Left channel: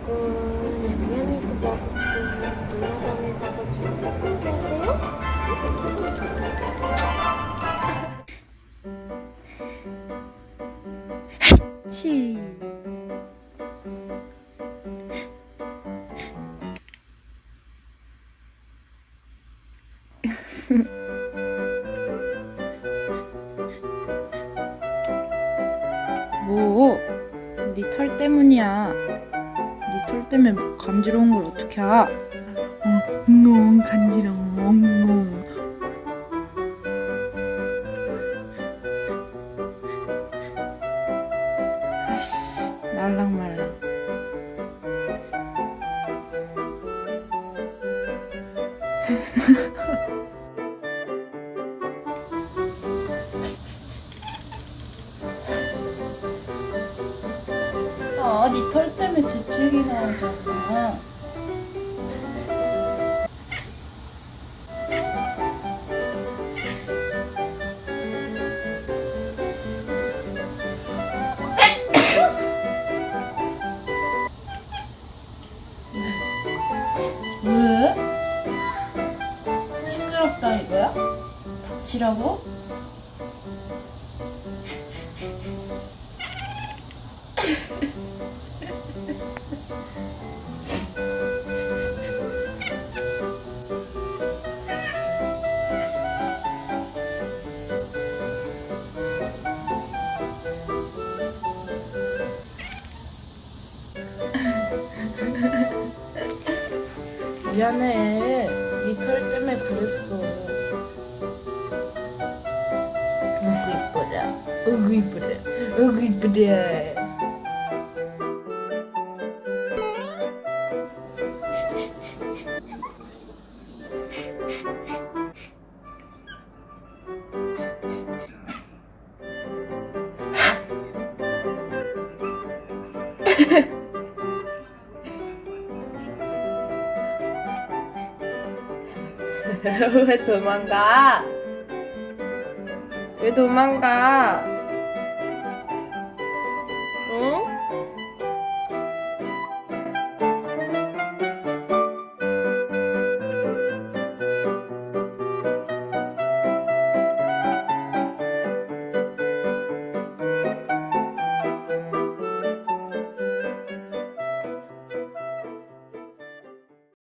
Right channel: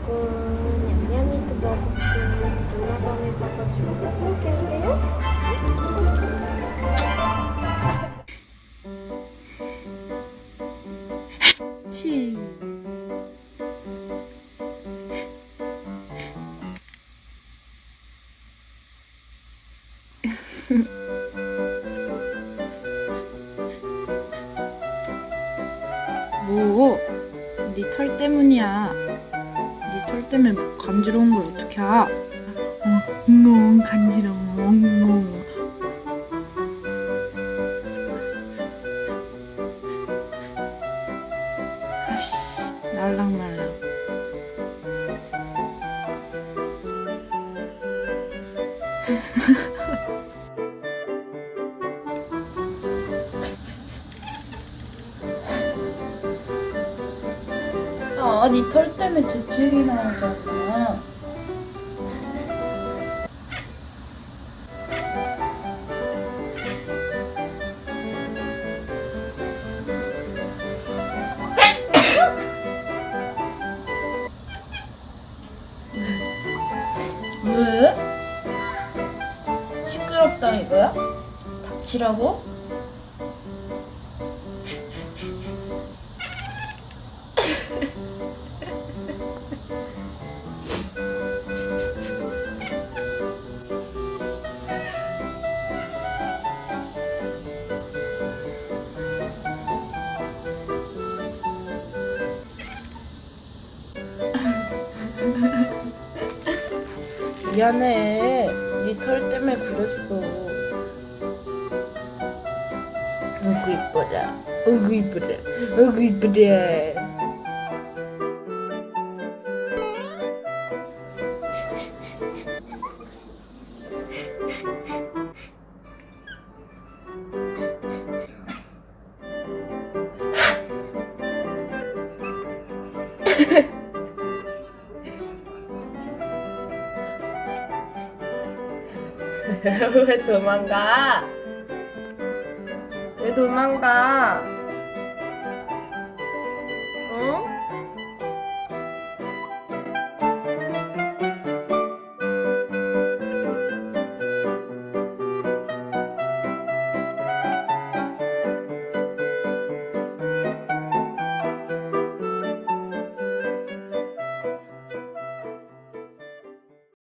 먹고 냠냠이도 먹고 누나 방에 가가지고 먹을게요. 치. 뭐? 네 털 때문이야. 네 털 때문에 간지러운 걸 어떻게 하? 너무 간지러워. 아씨, 말랑말랑. 아, 네 털 때문에 재채기 나오잖아. 왜? 시끄럽다 이거야? 닥치라고? 미안해. 네 털 때문에 그랬어. 어구 이뻐라. 어구 이뻐라. 어구 이뻐라. 왜 도망가? 왜 도망가? 응?